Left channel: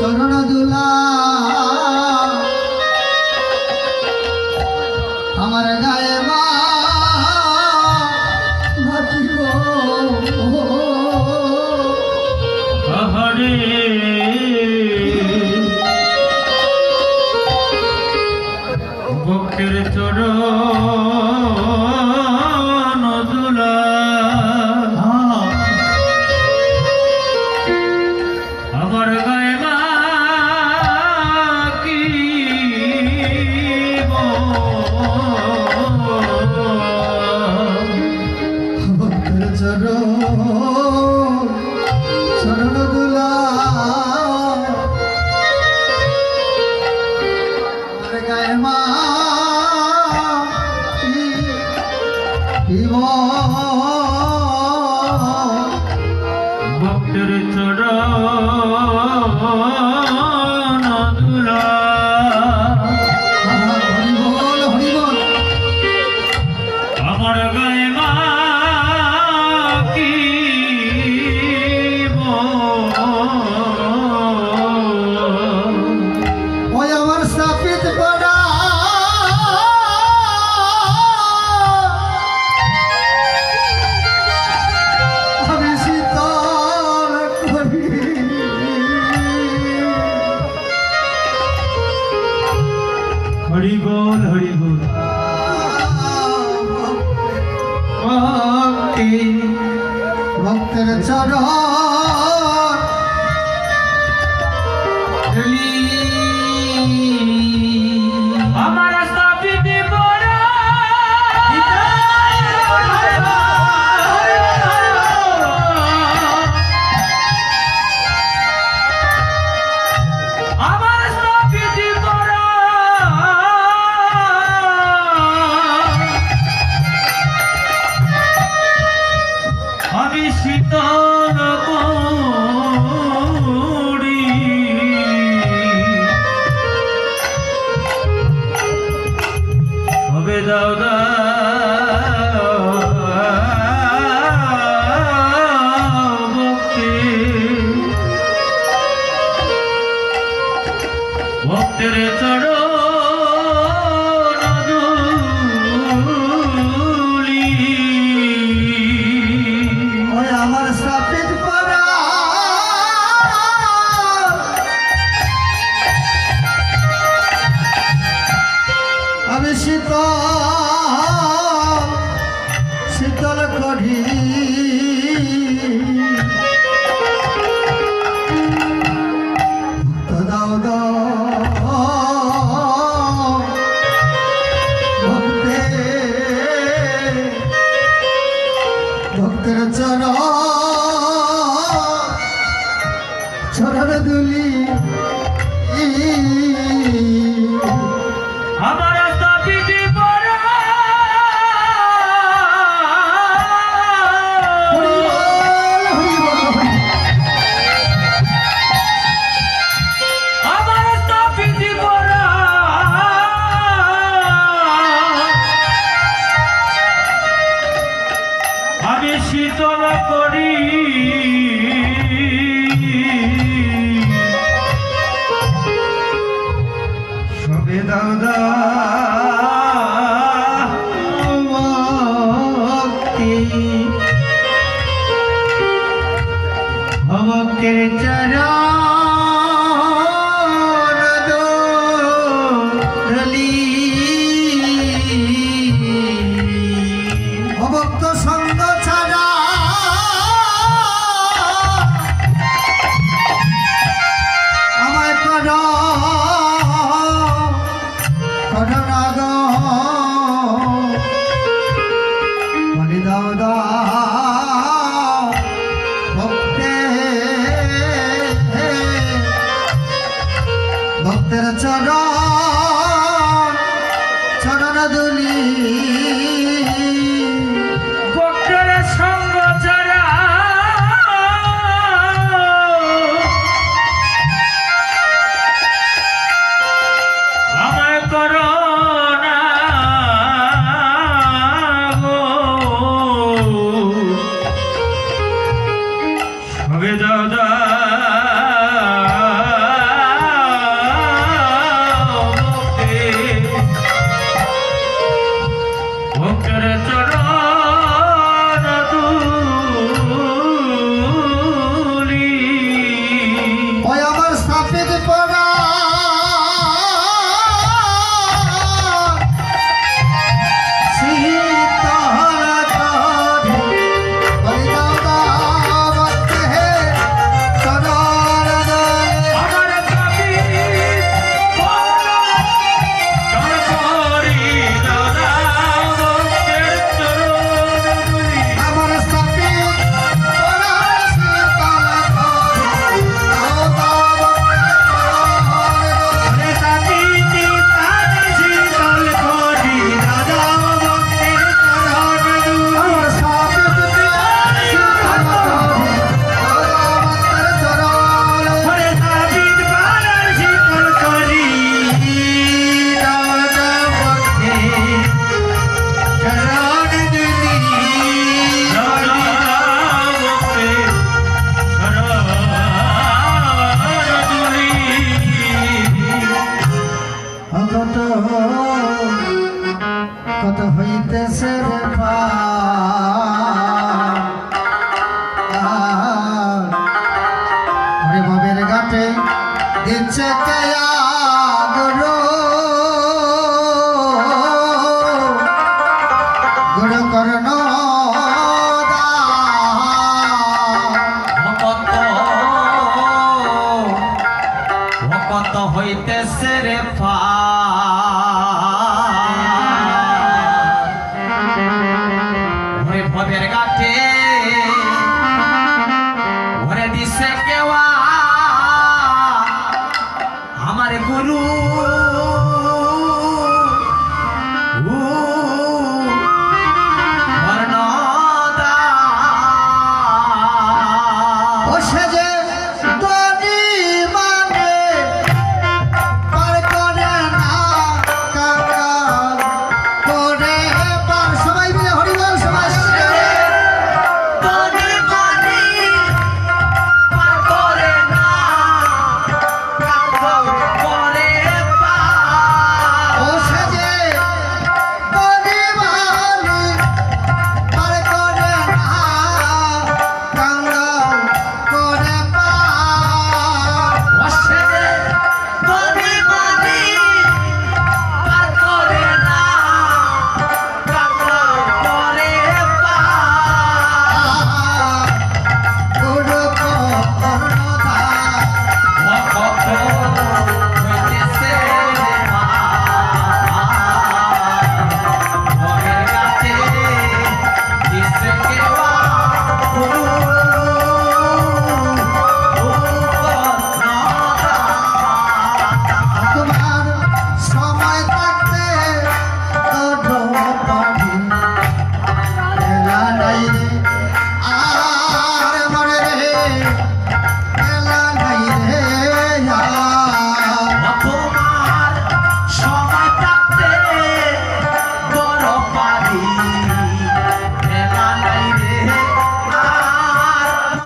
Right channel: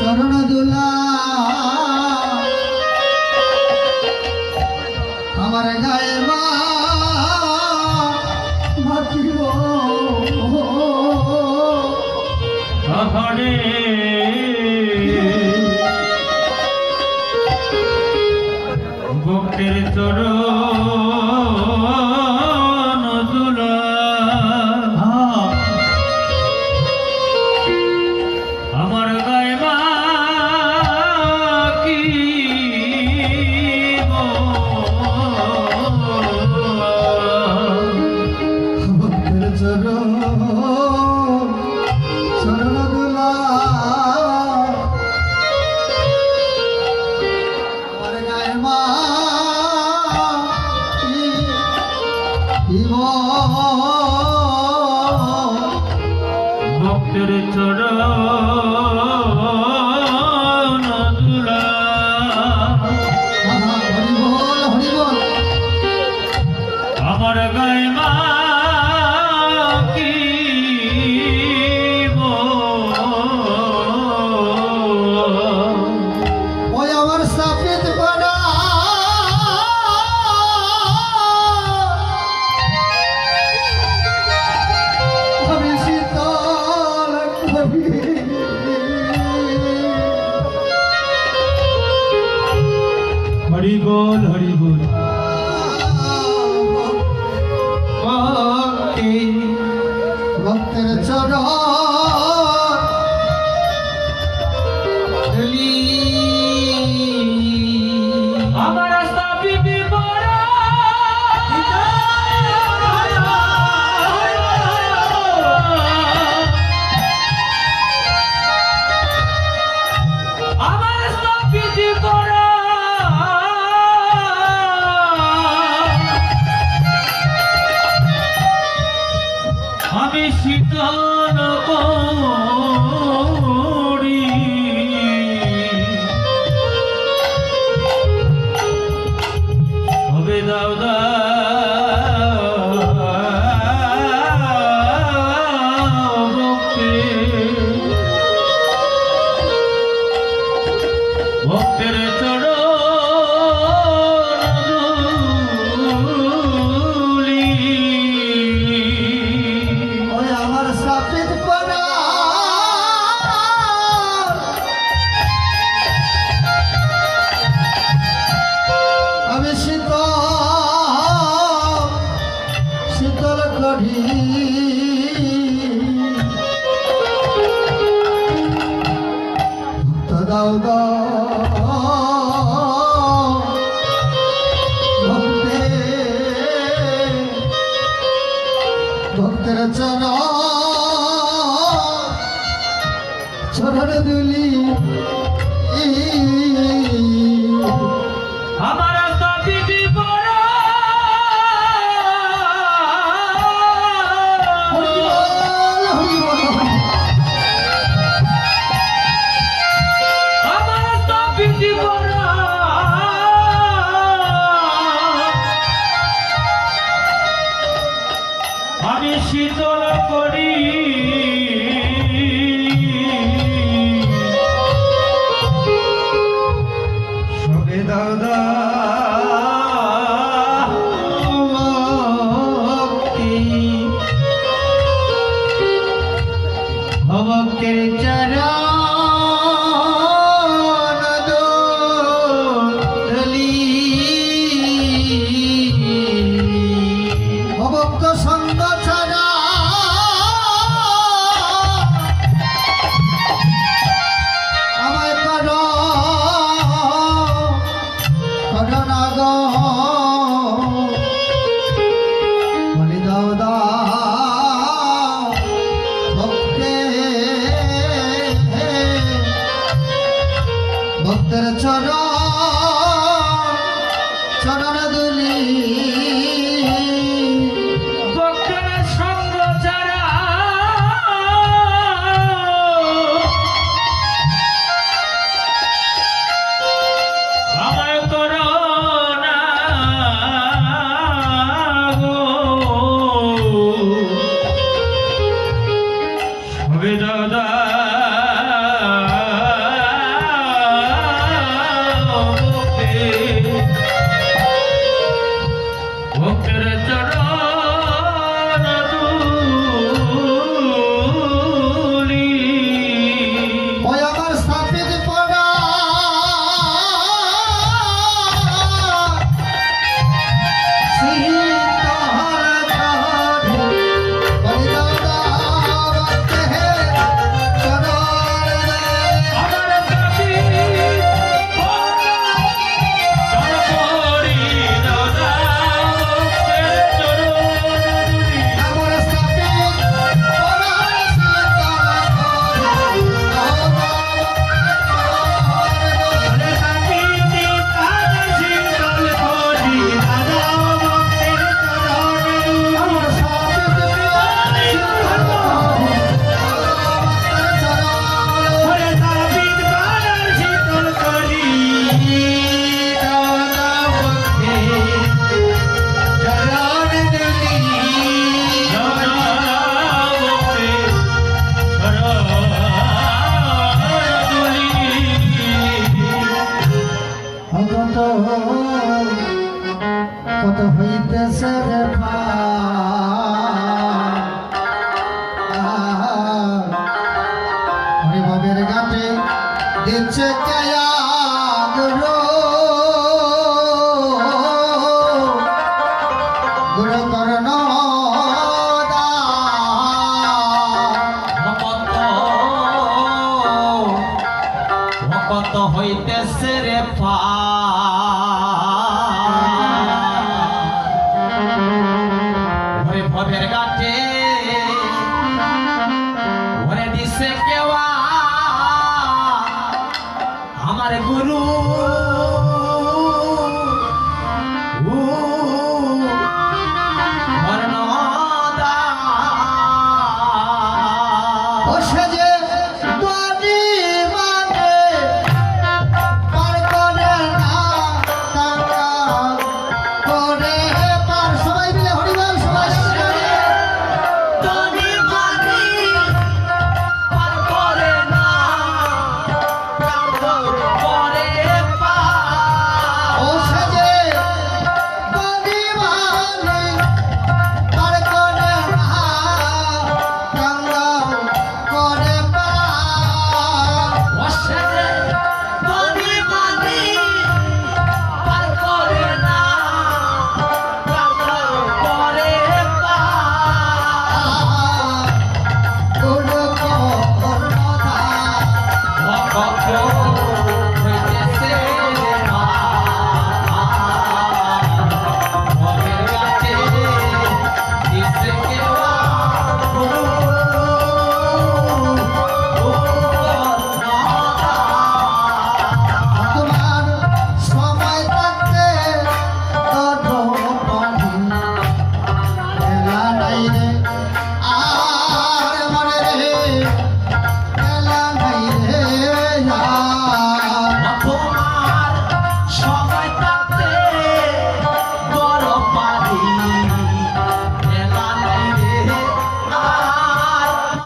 चरण दुला हमारे गाए ভক্তের চরণ দুলা আমার গায়ে মা কি ভক্তের চরণ দুলা আমার গায়ে মা ভক্তের চরণ দুলা আমার গায়ে মা কি ওই আমার সাপিত পড়া আমি শীতল করি হরি বল হরি বল ভক্তের চরণ আমার স্থাপিত পড়া আমার স্থাপিত পড়া আমি শীতল করি হবে দাও ভক্তি ভক্তের চরণ ধুলি ওই আমার সাপিত পড়া আমি শীতল করি দাও ভক্তের চরণ দুলি আমার স্থাপিত পড়া আমার স্থাপিত পড়া আমি শীতল করি ভক্তের চরণ ধুলি ভক্ত সঙ্গ ছাড়া আমায় করোনা গো বলি দাও দাও ভক্তের চরণ দুলি ভক্তের সঙ্গ ছাড়া আমায় করো না গো। সবে দাদা ভক্তের চরণ ধুলি ওই আমার সাপের পড়া আমার দাবি তারপরি দাদা ভক্তের চরণ ধুলি কত হইতেছে রে ভাই বাবের ঘাটে দিচ্ছে কায়া গুরু গুরু করণ ভকত হইতেছে রে